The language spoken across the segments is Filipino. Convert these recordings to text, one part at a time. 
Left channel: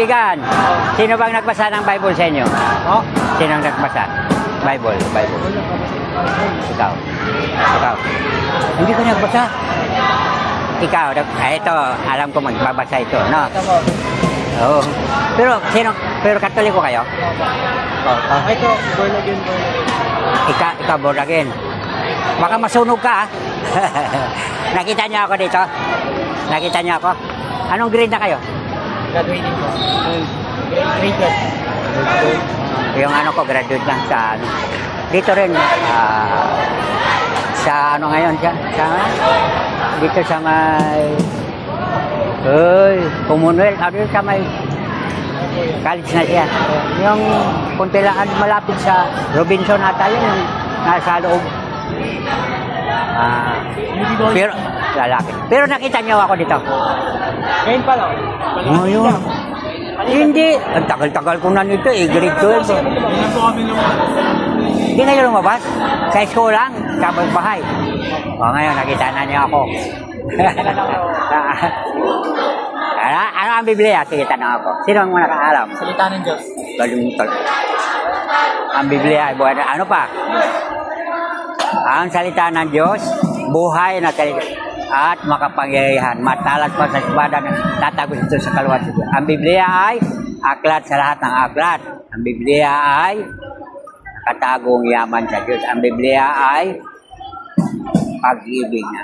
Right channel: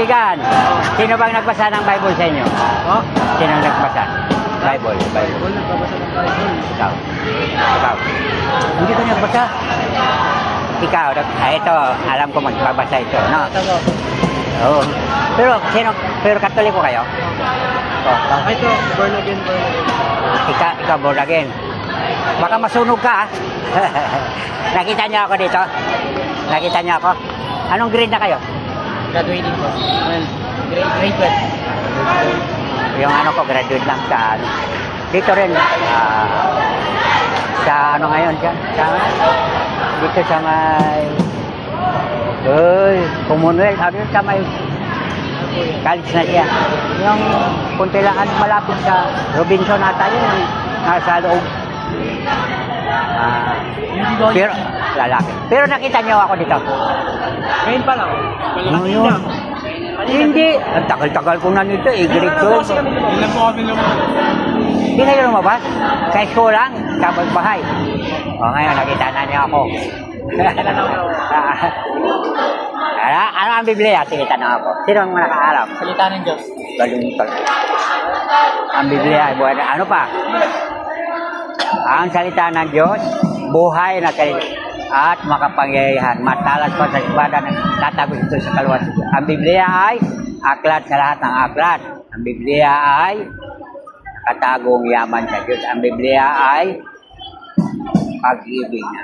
kaibigan, sino bang nagbasa ng Bible sa inyo? Oh, Sino ang nagbasa? Bible. Bible, nagbabasa ng Bible. Ikaw. Ikaw. Hindi ko nagbasa. Ikaw, ito, alam ko magbabasa ito, no? Ito po. Oo. Pero Katoliko kayo? Ito, born again, born again. Ikaw born again. Baka masunog ka, ah. Nakita niyo ako dito? Nakita niyo ako? Anong grade na kayo? Graduating po. Grade 12. Yung ano ko, graduate lang sa dito rin. Sa ano ngayon siya? Dito sa may Commonwealth. Ano yun sa may college na siya. Yung kunti lang malapit sa Robinson ata yun. Nasa loob. Pero lalaki. Pero nakita niyo ako dito. Ngayon pa lang. Kanina. Hindi. Ang tagal-tagal ko na nito eh. Grade 12. Ilan po kami lumabas? Hindi na yung lumabas. Sa school lang. Kapag bahay. O ngayon, nakita na niya ako. Kailan ako na? Ano ang Biblia? Sige, tanong ako. Sino ang nakaalam? Salita ng Diyos. Balungtol. Ang Biblia ay buhay na. Ano pa? Ang salita ng Diyos, buhay na kayo at makapangyarihan. Matalas pa sa espada na tatagos ito sa kaluwasan. Ang Biblia ay aklat sa lahat ng aklat. Ang Biblia ay katagong yaman sa Diyos. Ang Biblia ay pag-ibig na.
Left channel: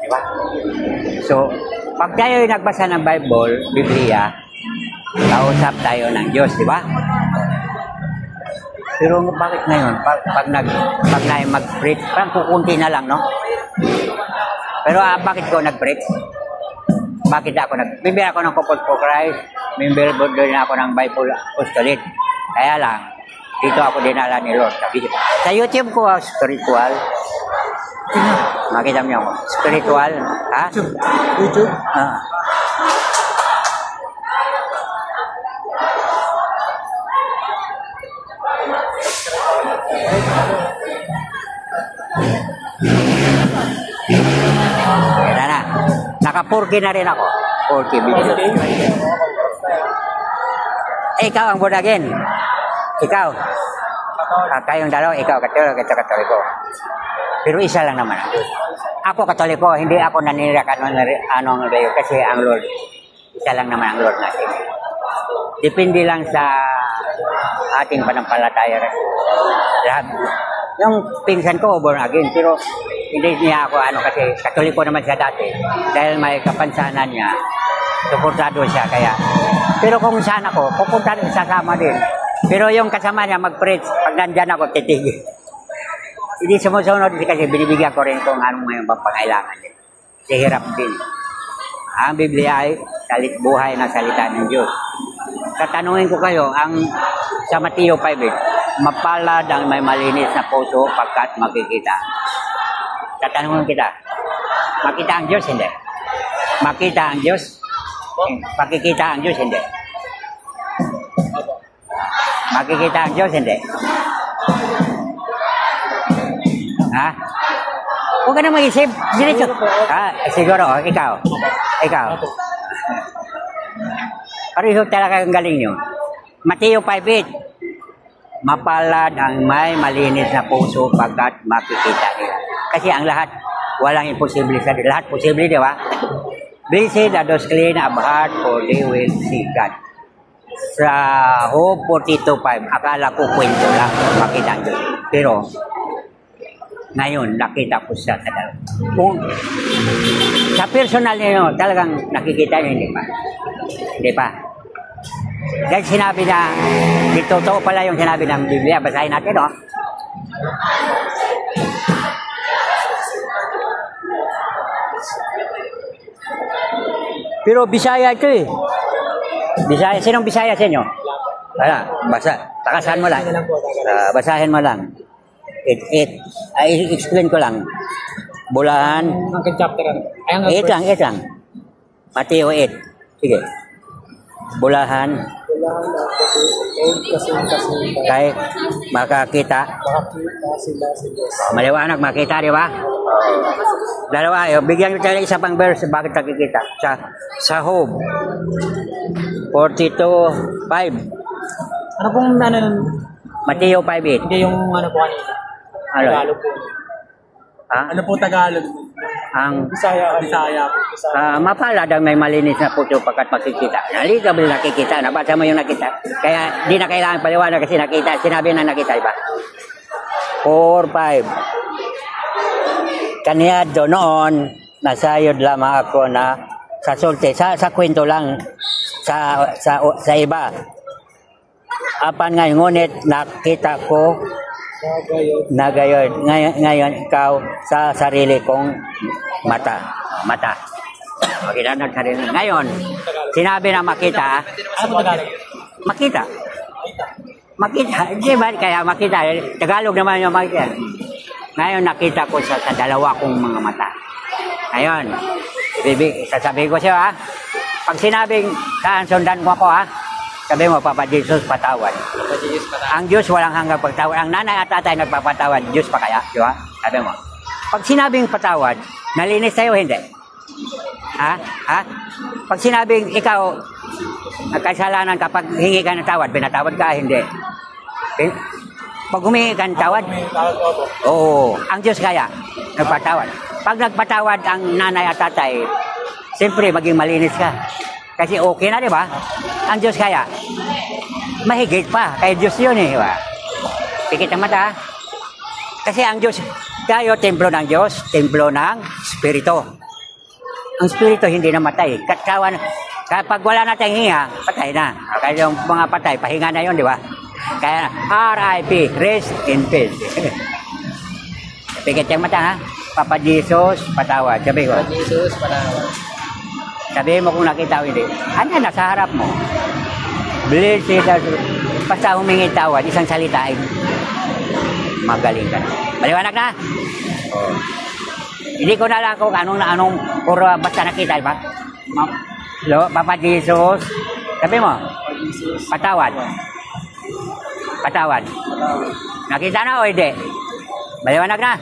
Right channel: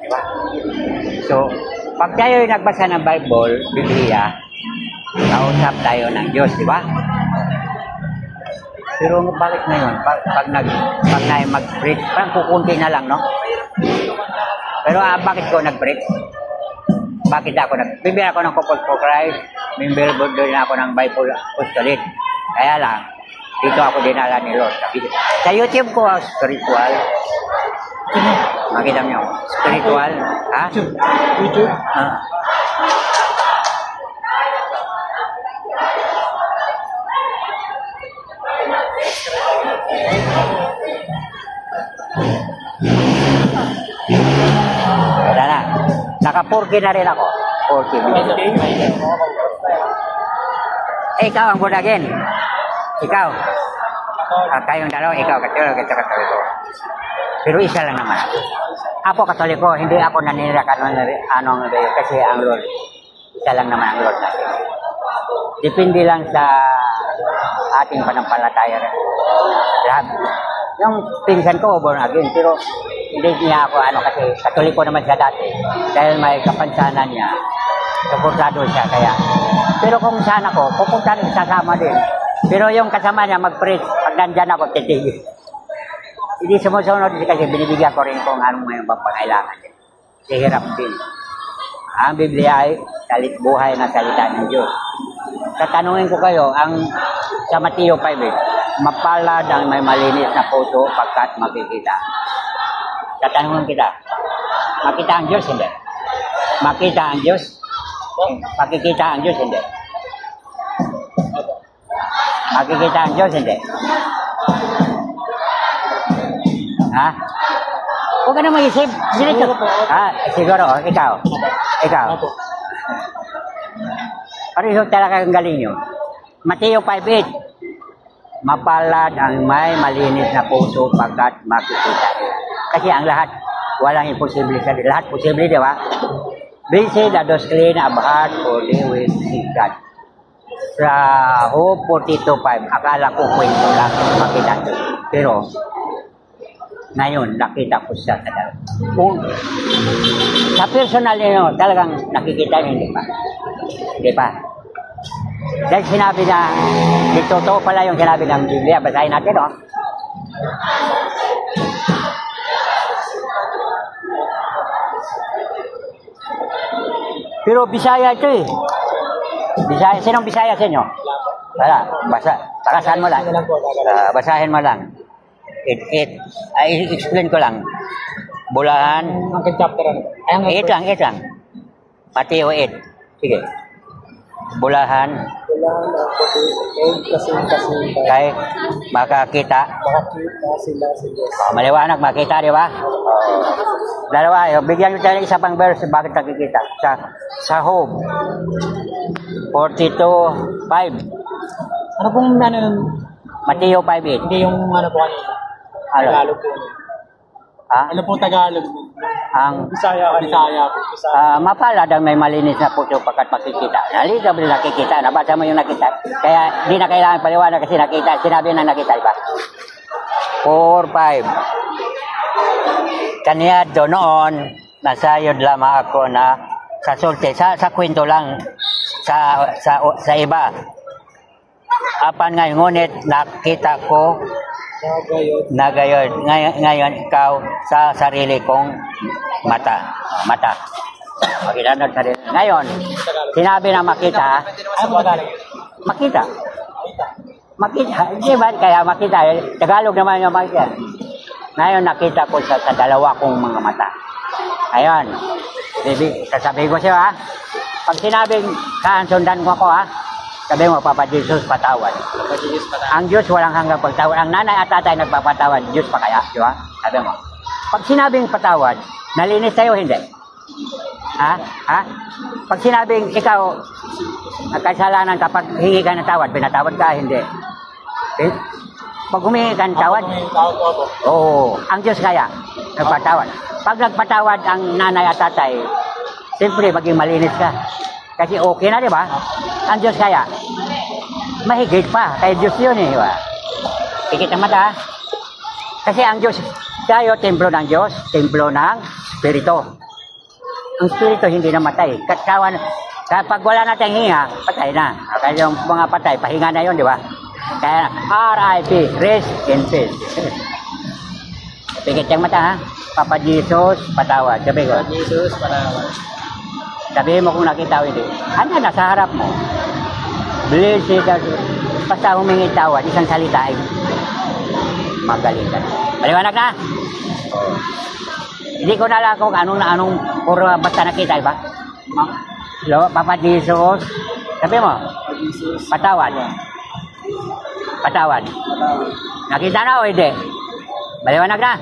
Diba? So, pag tayo nagbasa ng Bible, Biblia, kausap tayo ng Diyos, di ba? Pero bakit ngayon? Pag mag-preach, parang kukunti na lang, no? Pero bakit ko nag-preach? Bakit ako member ako ng Couple for Christ, member din ako ng Bible Apostolate. Kaya lang, dito ako dinala ni Lord. Sa YouTube ko, spiritual. Makita niyo, spiritual. Ha? YouTube? Kaya na. Naka-4K na rin ako. 4K video. Ikaw ang born again. Ikaw. Kayong dalawa, ikaw Katoliko. Pero isa lang naman. Ako Katoliko, hindi ako nanira anong rayo kasi ang Lord. Isa lang naman ang Lord natin. Depende lang sa ating panampalataya rin. Lahat. Yung pinsan ko, born again, pero hindi niya ako kasi Katoliko naman siya dati. Dahil may kapansanan niya, suportado siya kaya. Pero kung saan ako, pupunta rin sasama din. Pero yung kasama niya mag-preach, pag nandyan ako, titigil. Hindi sumusunod kasi binibigyan ko rin kung anong may pangailangan niya. Sihirap din. Ang Biblia ay buhay na salita ng Diyos. Tatanungin ko kayo, sa Mateo 5, mapalad ang may malinis na puso pagkat makikita. Tatanungin kita, makita ang Diyos, hindi? Makita ang Diyos? Makikita ang Diyos, hindi? Makikita ang Diyos, hindi? Ha? Huwag ka na mag-isip. Siguro, ikaw. Pareho talaga ang galing nyo. Mateo 5:8. Mapalad ang may malinis na puso pagkat makikita niya. Kasi ang lahat, walang imposible sa lahat. Posible, di ba? Blessed are those clean of heart, for they will see God. Sa Hope 42:5, akala ko kwento lang makita niyo. Pero, ngayon, nakita ko siya sa daw. Kung sa personal niyo, talagang nakikita niyo, hindi pa? Hindi pa? Dahil sinabi na, totoo pala yung sinabi ng Biblia. Basahin natin, no? Pero Bisaya ito eh. Bisaya, sinong Bisaya sa inyo? Wala, basa. Takasan mo lang. Basahin mo lang. I-explain ko lang. Bulahan. Hanggang chapter. 8 lang. Mateo 8. Sige. Bulahan. Kay makakita sila sa Diyos. Maliwanag, makita, di ba? Dalawa, bigyan nyo tayo isa pang verse bakit nakikita. Sa Hope 42.5. Ano pong ano, Mateo 5.8. hindi yung ano po kanina? Ano? Tagalog po. Ha? Ano po Tagalog? Ang Bisaya po. Bisaya. mapalad ang may malinis na puso pagkat makikita. Nalitable nakikita. Nabasa mo yung nakita. Kaya di na kailangan paliwanag kasi nakita. Sinabi na nakita, iba? 4.5. Kaniya do noon, nasayod lamang ako na sa sulti. Sa kwento lang. Sa iba. Apan ngayon, ngunit nakita ko na gayon. Ngayon ikaw sa sarili kong mata. Makita na sarili. Ngayon, sinabi na makita. Ano po Tagalog? Makita. Di ba? Kaya makita. Tagalog naman yung makita. Ngayon nakita ko sa dalawa kong mga mata. Ngayon, sasabihin ko siya ha. Pag sinabing sundan mo ako ha. Sabi mo, Papa Jesus, patawad. Papa Jesus, patawad. Ang Diyos walang hanggang pagtawad. Ang nanay at tatay nagpapatawad. Diyos pa kaya? Di ba? Sabi mo. Pag sinabing patawad, nalinis tayo hindi? Ha? Pag sinabing ikaw, nagkasalanan kapag hingi ka ng tawad, pinatawad ka, hindi. Pag humingi ka ng tawad, oo. Ang Diyos kaya, nagpatawad. Pag nagpatawad ang nanay at tatay, siyempre maging malinis ka. Kasi okay na, di ba? Ang Diyos kaya, mahigit pa. Kaya Diyos yun eh, di ba? Pikit ang mata. Kasi ang Diyos, tayo, templo ng Diyos, templo ng Espiritu. Ang Espiritu hindi namatay. Kapag wala natin hinga, patay na. Kaya yung mga patay, pahinga na yun, di ba? Kaya R.I.P. Rest in peace. Pikit ang mata, ha? Papa Jesus, patawad. Sabi ko. Papa Jesus, patawad. Sabihin mo kung nakita o hindi. Ano nasa harap mo? Blessed are you. Basta humingi tawad, isang salitain. Magaling ka na. Maliwanag na? Hindi ko na alam kung anong puro basta nakita, ba? Hello, Papa Jesus. Sabi mo? Patawad. Patawad. Nakita na o hindi? Maliwanag na?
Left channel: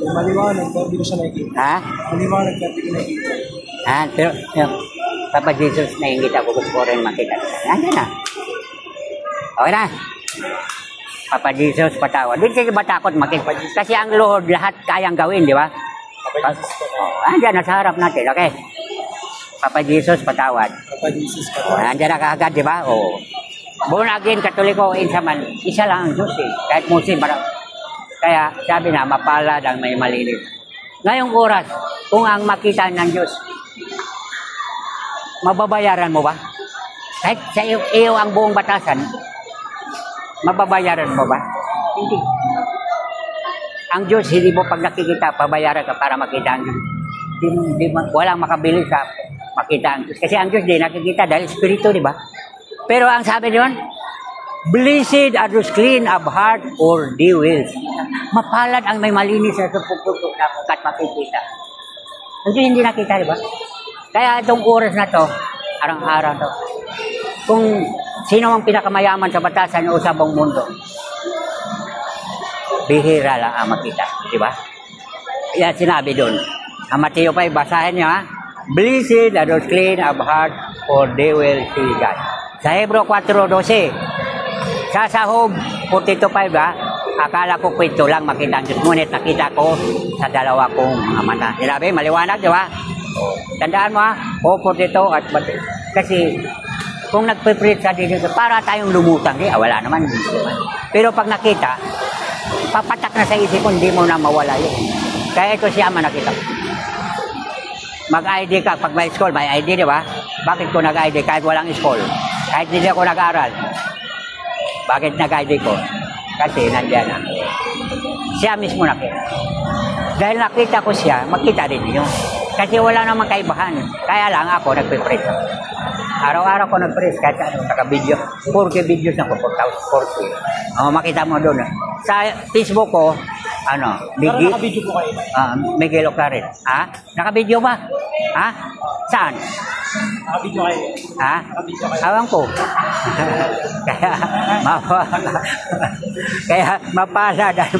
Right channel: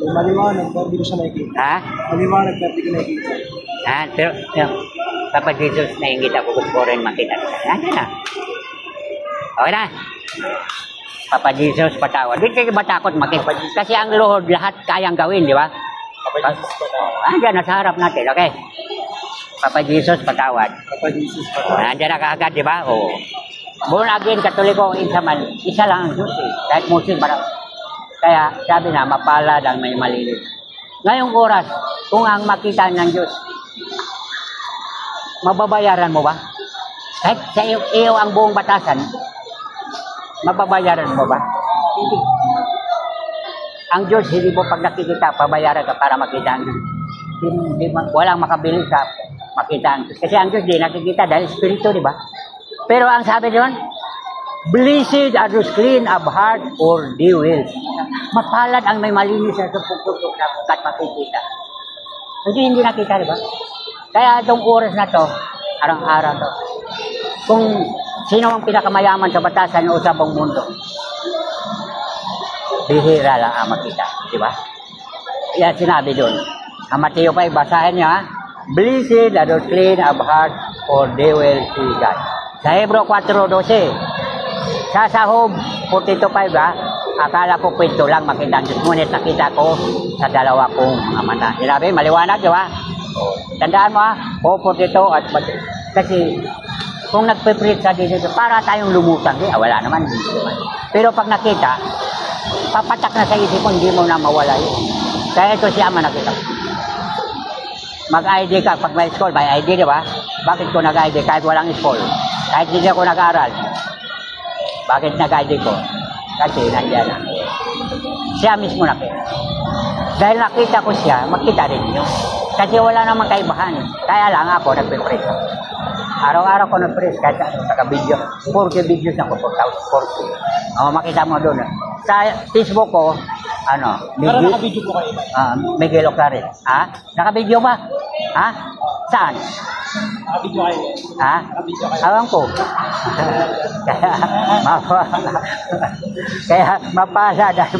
Maliwanag, pero hindi ko siya nakikita. Ha? Maliwanag, pero hindi ko nakikita. Pero Papa Jesus, naingit ako kung rin makita. Yan na. Okay na. Papa Jesus, patawad. Hindi kayo matakot makita. Kasi ang Lord, lahat kayang gawin, di ba? Papa Jesus, patawad. Andiyan, nasa harap natin, okay? Papa Jesus, patawad. Papa Jesus, patawad. Andiyan na kaagad, di ba? Oo. Born again, Katoliko, isa lang ang Diyos eh. Kahit Muslim, parang. Kaya sabi na, mapalad ang may malinis. Ngayong oras, kung ang makita ng Diyos, mababayaran mo ba? Kahit sa iyo ang buong batasan, mababayaran mo ba? Hindi. Ang Diyos, hindi mo pag nakikita, pabayaran ka para makita ang Diyos. Walang makabili sa makita ang Diyos. Kasi ang Diyos di nakikita dahil Espiritu, di ba? Pero ang sabi naman, blessed are those clean of heart or they will. Mapalad ang may malinis sa puputok na kat makikita. Kasi hindi nakita, di ba? Kaya itong oras na to, araw-araw to, kung sino ang pinakamayaman sa batasan o sa buong mundo, bihira lang ang makita, di ba? Kaya sinabi doon, ang Mateo 5, basahin niyo ha, blessed are those clean of heart for they will see God. Sa Hebro 4:12, sa sahog 42:5 ha, akala ko kwento lang makita ang Diyos, ngunit nakita ko sa dalawa kong mata. Sinabi, maliwanag, di ba? Tandaan mo ha, 42 at kasi kung nagpe-preach sa dito, para tayong lumutang, wala naman. Pero pag nakita, papatak na sa isip ko, hindi mo na mawala yun. Kaya ito siya ang nakita. Mag-ID ka, pag may school, may ID, di ba? Bakit ko nag-ID kahit walang school? Kahit hindi ako nag-aaral. Bakit nag-ID ko? Kasi nandiyan na. Siya mismo nakita. Dahil nakita ko siya, makita rin niyo. Kasi wala namang kaibahan. Kaya lang ako nagpe-preach. Araw-araw ko nag-preach kahit naka-video. 4K videos na ko, 4K. Makita mo doon. Sa Facebook ko, Pero naka-video po kayo. Miguel Oclaret. Ha? Naka-video ba? Ha? Saan? Naka-video kayo. Ha? Naka-video kayo. Alam ko. Kaya mapasa dahil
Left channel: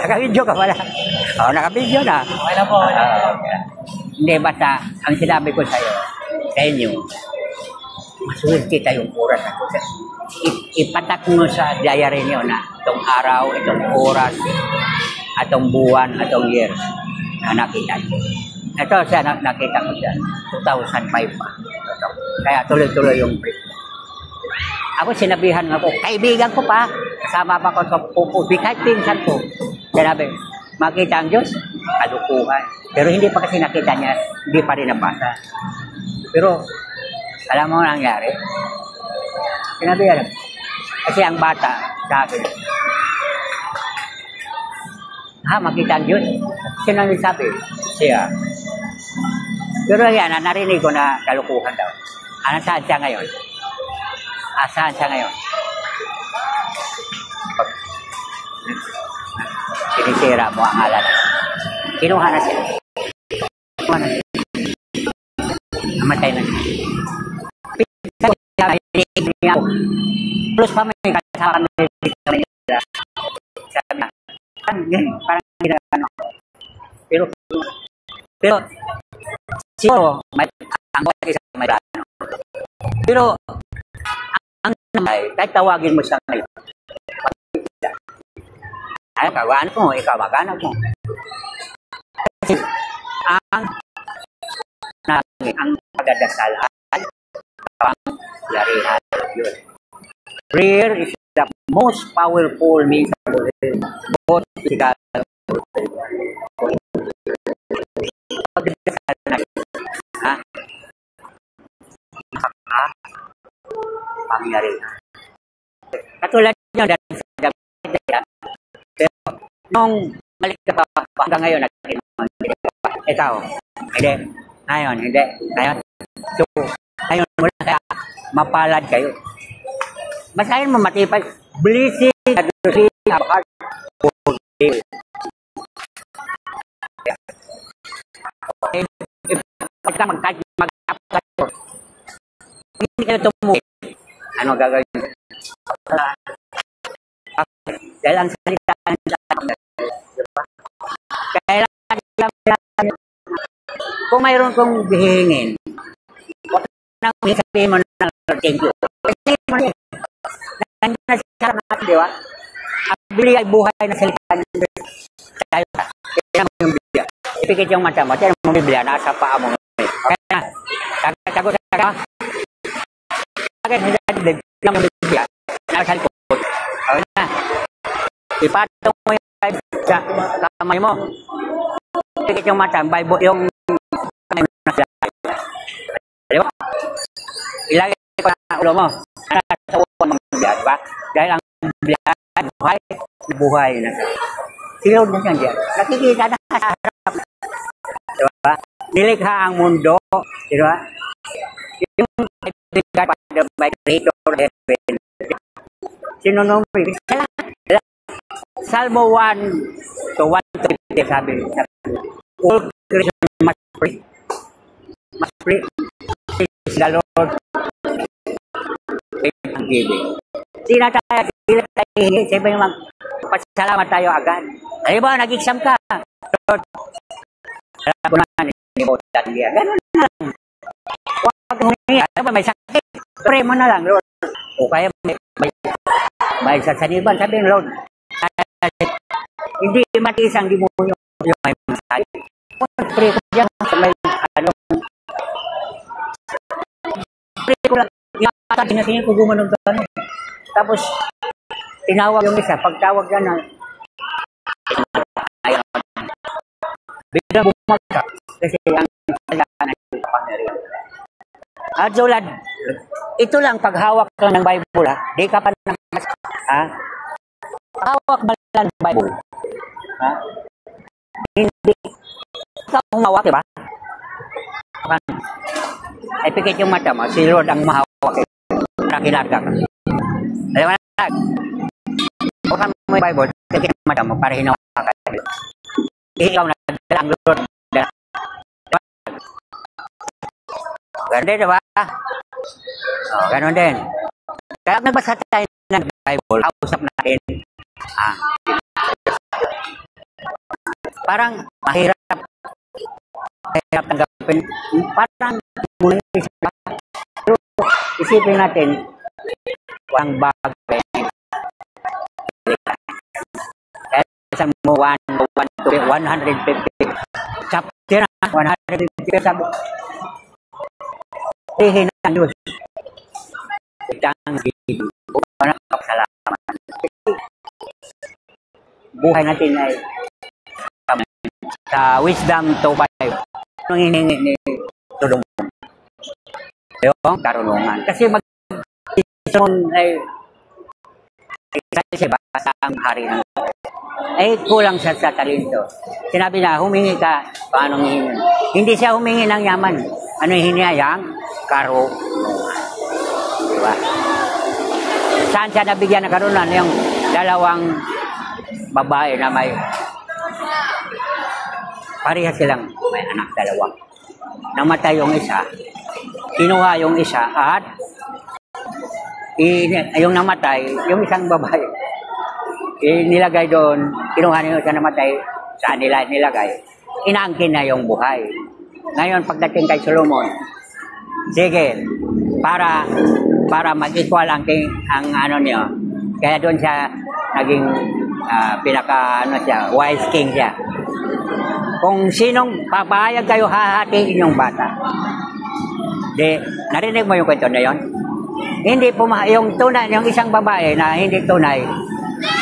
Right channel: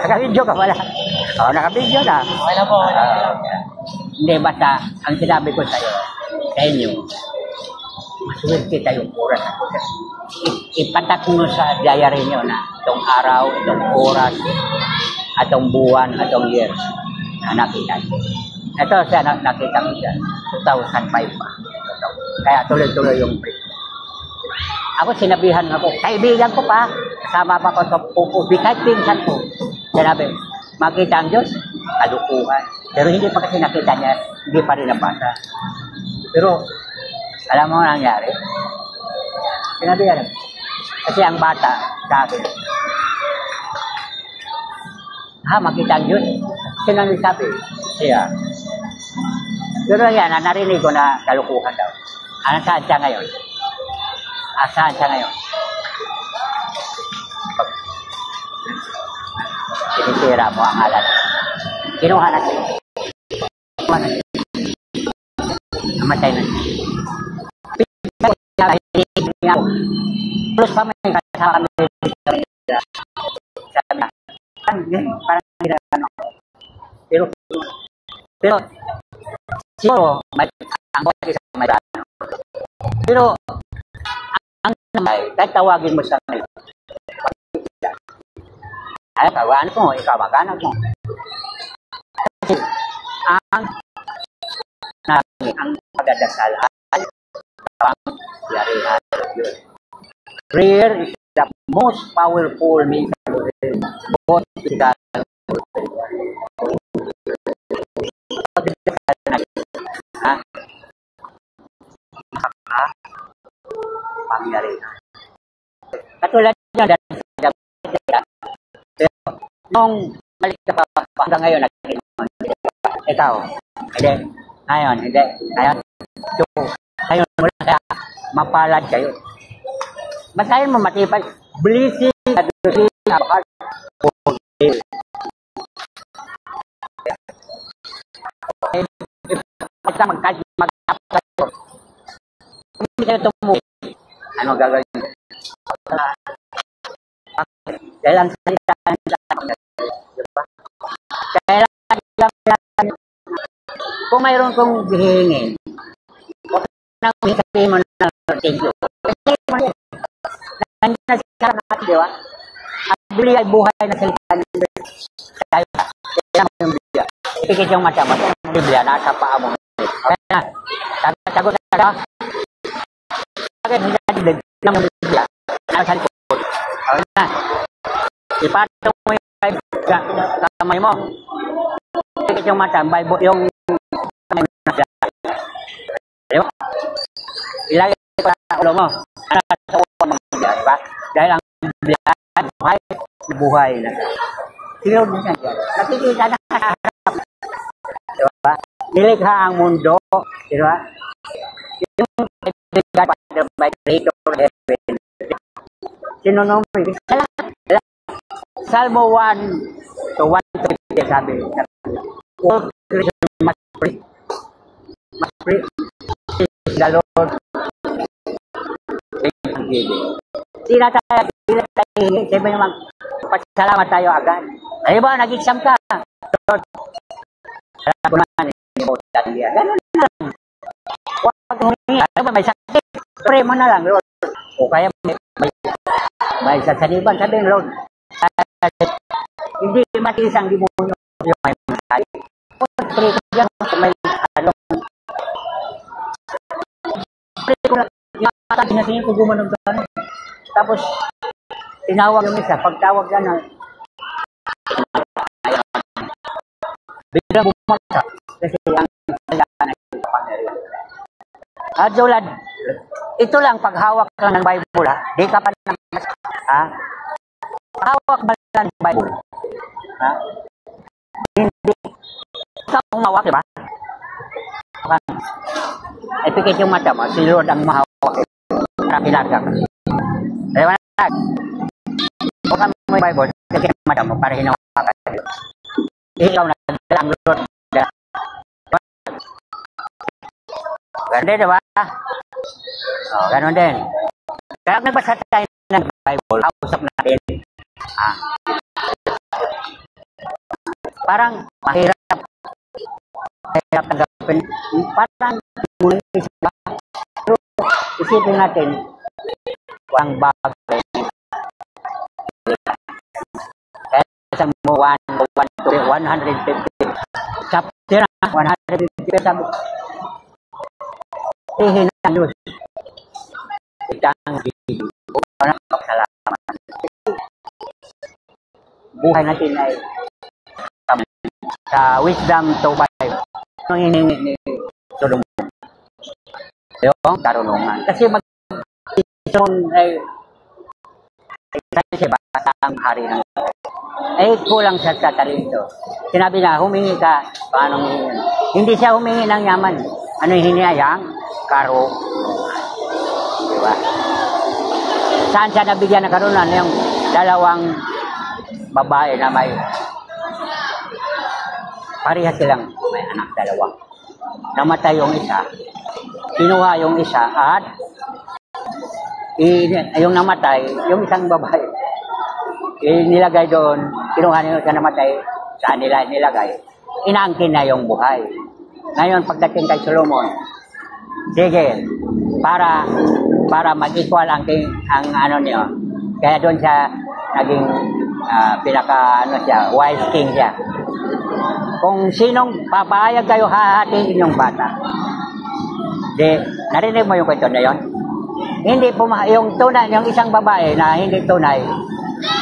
naka-video ka pala. Naka-video na. Okay lang po. Hindi, basta ang sinabi ko sa'yo, sa inyo, maswerte tayong oras. Ipatak mo sa diary niyo na itong araw, itong oras, atong buwan, atong year na nakita niyo. Ito siya nakita ko siya, 2005 pa. Kaya tuloy-tuloy yung break. Ako sinabihan nga po, kaibigan ko pa, kasama pa ko sa pupubi, kahit pinsan ko. Sinabi, makita ang Diyos, kalukuhan. Pero hindi pa kasi nakita niya, hindi pa rin nabasa. Pero, alam mo ang nangyari? Sinabi yan. Kasi ang bata sa akin, makita ang Diyos? Sino sabi? Siya. Pero yan, narinig ko na kalukuhan daw. Saan siya ngayon? Saan siya ngayon? Sinisira mo ang alat. Kinuha na siya. Kinuha na siya. Namatay na siya. Plus pa may kasama kami dito. Sabi na, parang hindi na ano. Pero siguro, ang bawat isa may ano. Pero, ang namay, kahit tawagin mo sa ngayon, ay, kawan ko, ikaw magana mo. Kasi, ang pagdadasal ay pangyarihan yun. Prayer is the most powerful means of both physical and spiritual. Pagdadasal na pangyarihan. Katulad nyo dahil sa gabi, pero nung malik ka pa hanggang ngayon, ikaw, hindi, ngayon, hindi, ngayon, so, ngayon mula kaya mapalad kayo. Basta yun matipay, blessing, adlusin, apart, pagka mag-tapos kayo, hindi kayo tumuwi, ano gagawin? Dahil ang salita kailangan kung mayroon kong hihingin, huwag nang sabihin mo na thank you. Kasi nandiyan na siya natin, di ba? Ang bili ay buhay na salita niya. Kaya mo yung biblia. Ipikit yung mata mo. Kaya yung biblia, nasa paa mo. Kaya na, sagot ka. Kaya yung biblia, nasa likod. Kaya na, ipatong mo yung kamay mo. Ipikit yung mata, yung kamay mo na siya. Diba? Ilagay ko na ulo mo. Nasa ulo mo, diba? Dahil ang biblia, buhay na siya. Sino mo siya diyan? Nakikita na sa harap. Diba? Nilikha ang mundo. Diba? Yung kaibigan by creator heaven. Sinunong mo. Salmo 1 to 1 to 50 sabi. All creation must pray. Must pray. The Lord and giving. Sila tayo hingi. Sabi naman, pasalamat tayo agad. Ay ba, nag-exam ka? Lord, alam ko naman, hindi mo taliya. Ganun lang. Huwag humingi. Alam ba, may sakit. Pray mo na lang, Lord. O kaya may sasaniban. Sabi ng Lord, hindi matisang demonyo yung may masali. Pray ko dyan. May ano. Pray ko lang. Sinasingin ko gumanog ka. Tapos, tinawag yung isa. Pagtawag yan, bigla bumagsak. Kasi ang kailangan ay pangyarihan. At Jolad, ito lang paghawak ka ng Bible, ha? Di ka pa na ha? Paghawak ba lang ng Bible? Ha? Hindi. Ikaw humawak, diba? Ay pikit yung mata mo. Si Lord ang mahawak. Nakilagak. Diba? Huwag ka mo yung Bible, pikit yung mata mo para hinawak ka. Ikaw na ang Lord. Ganun din, diba? Ganun din. Kaya nagbasa tayo ng Bible, kausap natin. Parang mahirap tanggapin. Parang muna isa ba? Pero isipin natin, walang bago eh. Kaya sa mo 150 chapter na 150 sabi. Tihin ng Diyos. Itang gigi. Salamat. Buhay natin ay sa wisdom to buy. Ang hiningi ni Solomon. Yung karunungan. Kasi mag-isun ay isa basta ang hari ng kulang siya sa talento. Sinabi na, humingi ka, paano humingi? Hindi siya humingi ng yaman. Ano hinihayang? Karunungan. Diba? Saan siya nabigyan ng karunungan? Yung dalawang babae na may pareha silang may anak dalawa. Namatay yung isa, kinuha yung isa at yung namatay, yung isang babae, nilagay doon, kinuha niyo sa namatay, saan nila nilagay, inaangkin na yung buhay. Ngayon, pagdating kay Solomon, sige, para mag-equal ang ano niyo, kaya doon siya naging wise king siya. Kung sinong papayag kayo hahatiin yung bata. Narinig mo yung kwento na yun? Hindi yung tunay, yung isang babae na hindi tunay,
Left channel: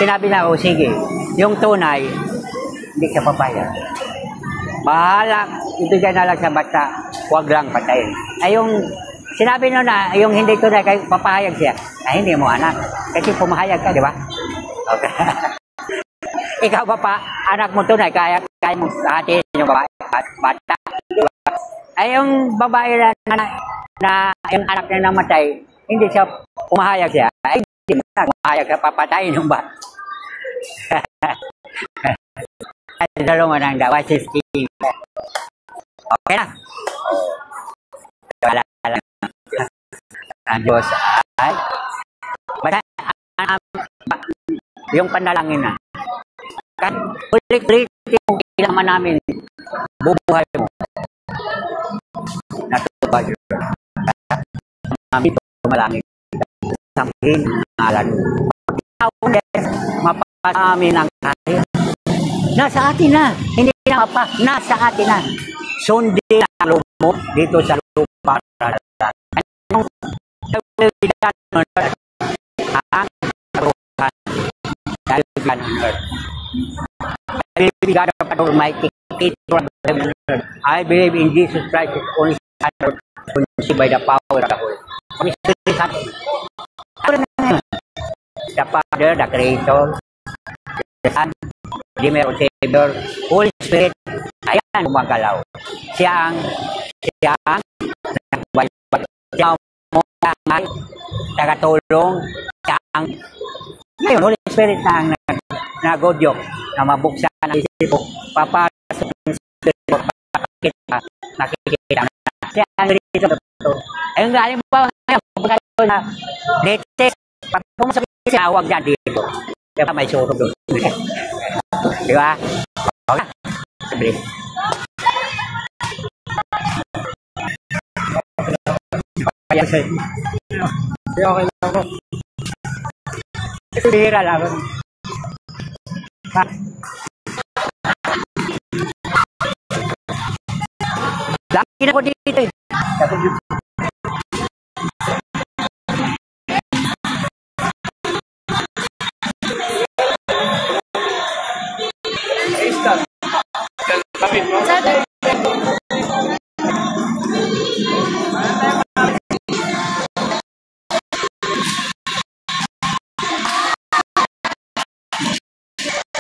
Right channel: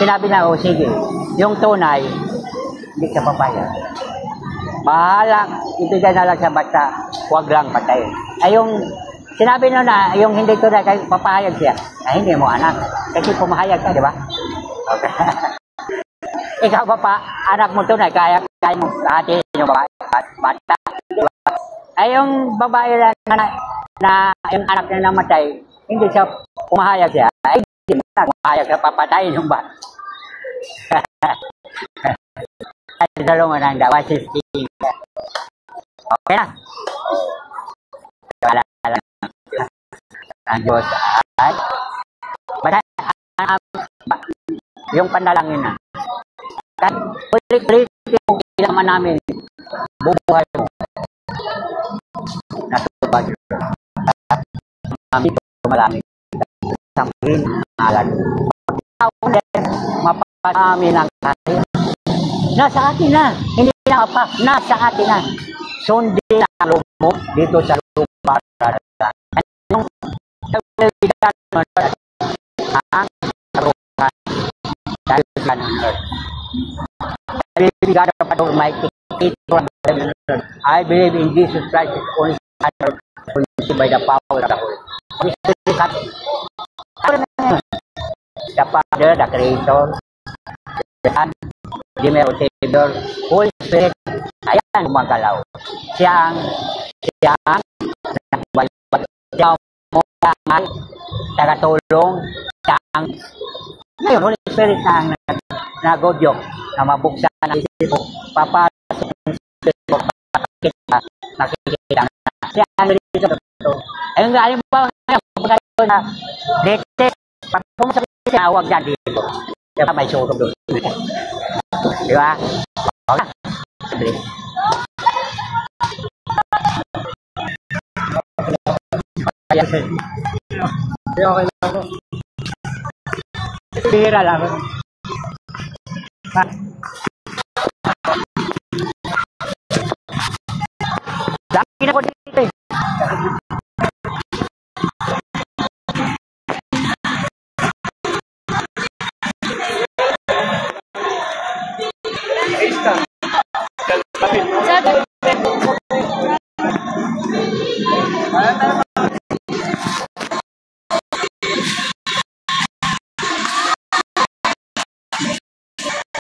sinabi na, sige, yung tunay, hindi siya papayag. Bahala, ibigay na lang sa bata, huwag lang patayin. Ay yung, sinabi nyo na, yung hindi tunay, kayo papayag siya, ay hindi mo anak, kasi pumahayag ka, di ba? Okay. Ikaw ba pa, anak mo tunay, kaya mo hatiin yung babae, bata. Ay yung babae na yung anak niya namatay, hindi siya pumahayag siya, ay hindi mo na pumahayag siya, papatayin yung bata. Ay, Solomon ang dawa, sis king. Okay na. Wala lang. Ang Diyos ay, basta, yung panalangin na. Kahit ulit-ulit yung kailangan namin bubuhay mo. Natubag yun. Kami tumalangin. Sangkin ang alam. Mapasami ng kaya. Nasa atin na. Hindi na pa. Nasa atin na. Sundin ang loob mo dito sa lupa. Yung kabilidad mo ang karuhan dahil sa God of Almighty, I believe in Jesus Christ, His only Son, conceived by the power of the Holy Spirit. The Father, the Creator, the Son, the Savior, Holy Spirit, ayan gumagalaw. Siya ang tagatulong, siya ang ngayon, Holy Spirit na ang nagodyok na mabuksan ang isip ko, papasok ng Espiritu, nakikita na siya ang rito. Ayun nga, ayun ba, pagkakas na latest, pag pumusap siya, huwag dyan dito. Kaya may suro doon. Di ba? Okay. Sabi. Okay lang ako. Bihira lang ako.